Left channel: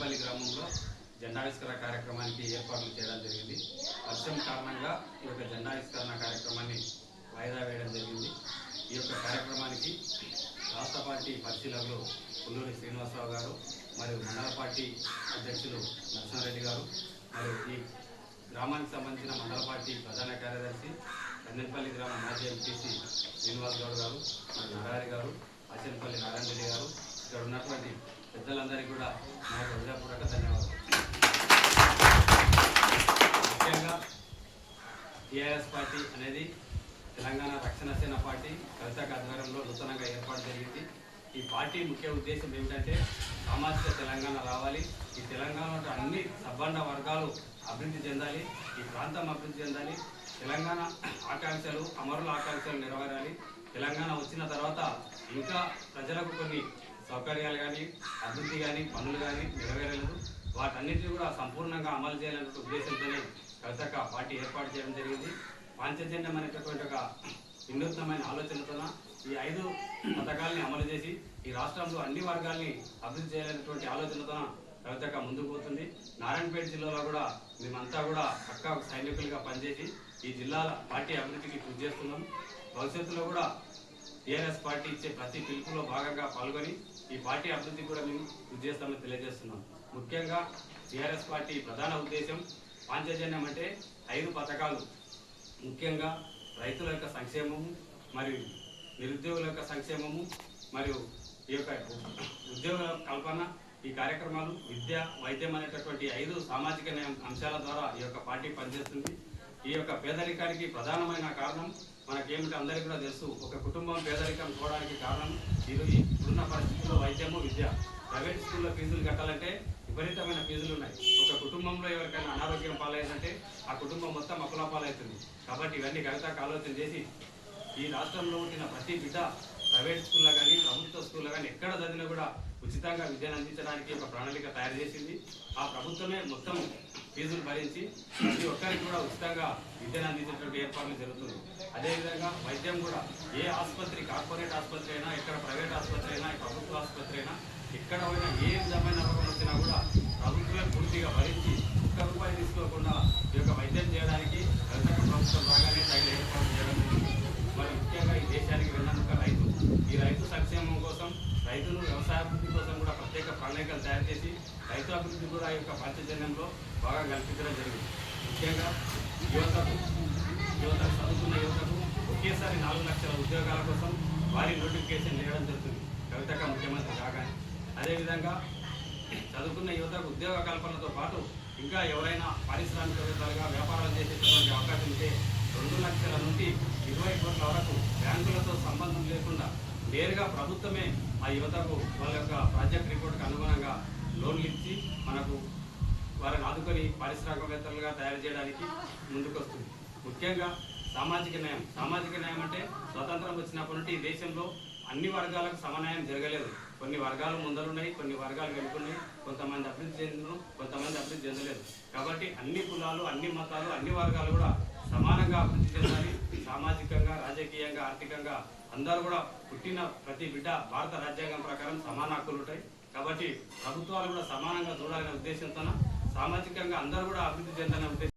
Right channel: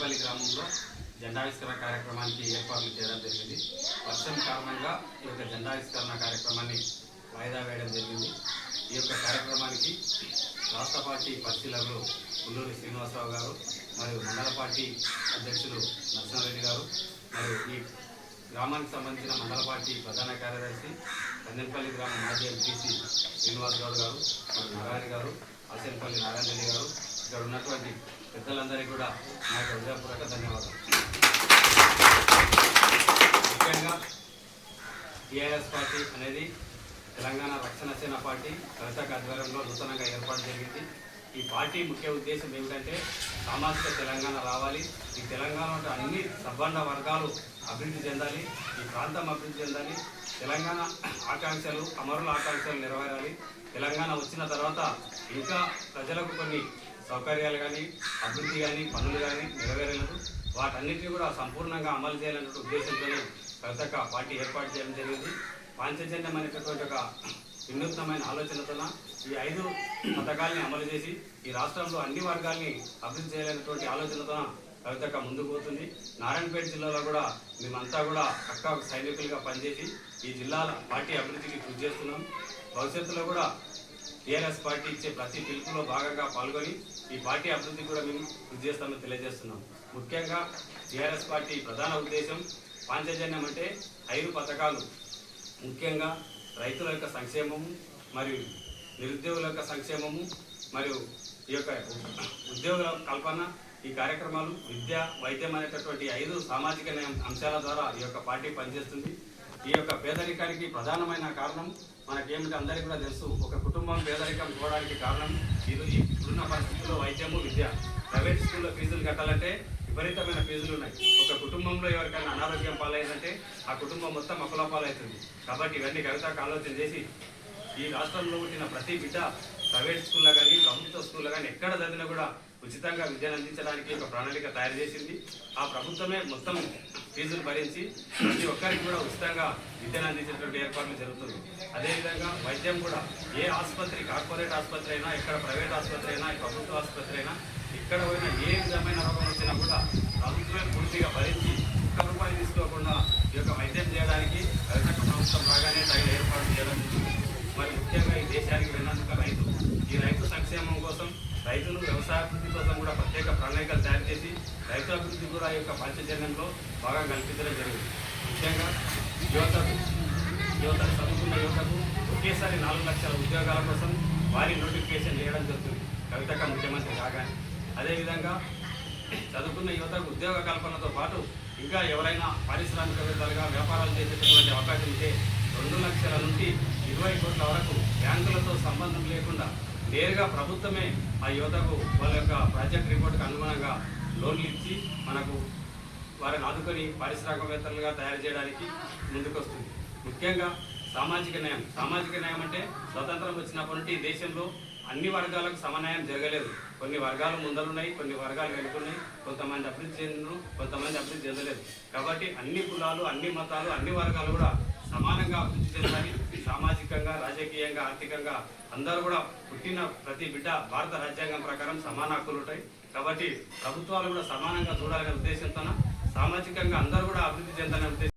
కందెంపల్లి గ్రామంలో జెండావిష్కరణ కార్యక్రమానికి ఏర్పాట్లు చేయడం జరిగింది. వర్షం కారణంగా ఈ యొక్క జెండావిష్కరణ కార్యక్రమాన్ని వాయిదా వేయడం జరిగింది. ఈ యొక్క కార్యక్రమానికి రాష్ట్ర పార్టీ పరిశీలకులు పుల్లూరి శ్రీనివాసరావు గారు మరియు మండల పార్టీ అధ్యక్షులు నరసింహారెడ్డి గారు మరియు ఈ గ్రామానికి సంబంధించిన మండల పార్టీ ప్రధాన కార్యదర్శి కందెంపల్లి గ్రామ మాజీ ఎంపీసీ శ్రీనివాస్ గౌడ్ గారు మరియు నగారి గారు ఆశంపల్లి నారాయణ రెడ్డి గారు ఇక్కడ ఉన్నటువంటి పెద్దలందరికీ కూడా నా యొక్క హృదయపూర్వక ధన్యవాదాలు. ముఖ్యంగా టీఆర్ఎస్ పార్టీ అనేది తెలంగాణ రక్షణ సేన పార్టీ కవితక ఆధ్వర్యంలో నూతనంగా ఏర్పాటు జరిగింది. ఈ పార్టీ ముఖ్య ఉద్దేశం ఏమిటంటే సామాజిక తెలంగాణ రావాలి, ఈ తెలంగాణలో అన్ని సబ్బండ వర్గాలు అభివృద్ధి చెందాలి, ఈ ప్రాంతం అభివృద్ధి చెందాలి, తెలంగాణ ఆకాంక్షలు అమరుల ఆకాంక్షలు నెరవేరాలి. తెలంగాణ వచ్చిన తర్వాత ఇంకా ప్రజలకు కొన్ని సౌకర్యాలు కానీ అభివృద్ధి కానీ పనులు కానీ నెరవేరలేదు, వాటన్నిటిని కూడా సంపూర్ణంగా అమలు చేయాలనే ఉద్దేశంతోనే కవితక పార్టీ ఏర్పాటు చేయడం జరిగింది. పాంచజన్యం అనేటటువంటి ఒక వినూత్నమైన ఆలోచనతో ఈ 5 పథకాలని అమలు చేసి ఈ రాష్ట్రంలో అన్ని వర్గాల్ని అభివృద్ధి చేయాలనేటువంటి ఆలోచనతో కవితక ముందుకు పోతుంది. నారాయణపేట జిల్లాలో కూడా మేమంతా కూడా పక్కా సైనికులుగా పనిచేసి ఈ జిల్లాల పార్టీ అభివృద్ధికి కృషి చేస్తున్నాం. భవిష్యత్తులో కూడా టీఆర్ఎస్ పార్టీ ఇచ్చే ప్రతి పిలుపులో భాగంగా పాల్గొని ఈ పార్టీ అభివృద్ధికి కూడా మేము కృషి చేస్తామని తెలియజేస్తున్నాం. ముఖ్యంగా టీఆర్ఎస్ పార్టీ ప్రధాన ఉద్దేశం పాంచజన్యం అంటే 5 పథకాలు, ముఖ్యంగా రైతుల యొక్క సంక్షేమము మరియు నిరుద్యోగుల యొక్క సంక్షేమము మరియు ఈ యొక్క ఉద్యోగుల కల్పన, ఈ కార్యక్రమాలు విద్య వైద్యం అనేటటువంటి 5 సామాజిక అంశాల ద్వారా ఈ యొక్క పార్టీ పనిచేస్తుంది. ఈ యొక్క పేదరికానికి ప్రధానమైన కారణం మనకేమిటి అందరికీ కూడా తెలుసు. ఒక కుటుంబం పేదరికం పోవడానికి కారణం ఇప్పుడున్న పరిస్థితుల్లో వైద్యము విద్య. ప్రైవేట్ స్కూల్లో ఫీజులు కట్టాలంటే విపరీతమైన ఫీజులు ఉన్నాయి. ఒక కుటుంబంలో ఎవరికైనా అనారోగ్యం పాలైందంటే ఆ కుటుంబం మొత్తం అప్పులపాలవుతుంది. కాబట్టి ఇవన్నీ కవితకు ఆలోచన చేసి ఈ రాష్ట్రంలో పుట్టిన ప్రతి బిడ్డ ప్రైవేట్ స్కూల్లో కానీ ప్రభుత్వ స్కూల్లో కానీ ఎక్కడ చదివినా కూడా ఉచితంగా విద్యను అందించడానికి ఒక ప్రణాళిక తయారు చేసింది. ఆ ప్రభుత్వమే మొత్తం ఫీజులు భరించి ప్రతి ఒక్కరికి కూడా ఉచితంగా విద్యను అందించేటువంటి ఏర్పాట్లు జరుగుతుంది. అదేవిధంగా వైద్యం కూడా ఏ ఆసుపత్రి, కార్పొరేట్ ఆసుపత్రి అయినా, ఎక్కడ ప్రైవేట్ ఆసుపత్రి అయినా, ప్రభుత్వ ఆసుపత్రి అయినా, ఎక్కడ పోయినా ఏ విధమైన రోగం వచ్చినా కూడా ప్రభుత్వమే పూర్తిగా భరించి ₹1 తీసుకోకుండా ఈ యొక్క వైద్యం చేయడానికి కవితక ప్రభుత్వం రాగానే తగిన ఏర్పాటు చేయడం జరిగింది. మరి ముఖ్యంగా ఈ దేశానికి వెన్నుముక రైతు. ఈ రైతు సంక్షేమం కోసం, రైతులు వ్యవసాయాభివృద్ధి కోసం కూడా ప్రత్యేక ప్రణాళికలు తయారు చేసి రైతు అభివృద్ధి కూడా ఈ యొక్క పాంచజన్యంలో బాగా కల్పించడం జరిగింది. ముఖ్యంగా యువతకు చదువుకున్న యువతకు ఒకేసారి 4 లక్షల ఉద్యోగాల కోసం వారి నోటిఫికేషన్ వేయడం జరుగుతుంది కవితక ముఖ్యమంత్రి కాగానే. అదేవిధంగా చదువుకున్న యువతకు ఉద్యోగ కల్పనతో పాటు ఇంకా ఎవరైనా పారిశ్రామికవేత్తలుగా వ్యాపారాలు చేసేటటువంటి అవకాశం ఉంటే 2 లక్షల నుండి 20 కోట్ల వరకు బ్యాంకులతో సంబంధం లేకుండా నేరుగా ప్రభుత్వమే ఆ యువతకు వాళ్ళ యొక్క ప్రాజెక్ట్ రిపోర్ట్కి అనుగుణంగా లోన్లు ఇచ్చి మనకు వారిని ఆదుకొని పారిశ్రామికవేత్తలుగా తయారు చేయడానికి ముందుకొస్తుంది. ముఖ్యంగా సామాజిక న్యాయం అంటే స్వతంత్రం వచ్చినప్పటి నుండి ఈ దేశంలో అన్ని వర్గాలకు సమన్యాయం జరగలేదు. కొన్ని వర్గాలు ముందరున్నాయి, కొన్ని వర్గాలు వెనుకున్నాయి, కొంతమంది అభివృద్ధి చెందిన, కొంతమంది అభివృద్ధి చెందలేదు. కాబట్టి అన్ని కులాలు, అన్ని మతాలు, అన్ని వర్గాలు కూడా సమానంగా అభివృద్ధి చెందాలి. సామాజికంగా, రాజకీయంగా, ఆర్థికంగా అందరూ కూడా పుట్టిన ప్రతి బిడ్డ భారత రాజ్యాంగం ప్రకారం సమాన హక్కులు ఉంటాయి. కాబట్టి ప్రభుత్వాలు కూడా సమానంగా చూడాలనే ఉద్దేశంతో సామాజికంగా అందరూ కూడా అభివృద్ధి చెందాలనే ఉద్దేశం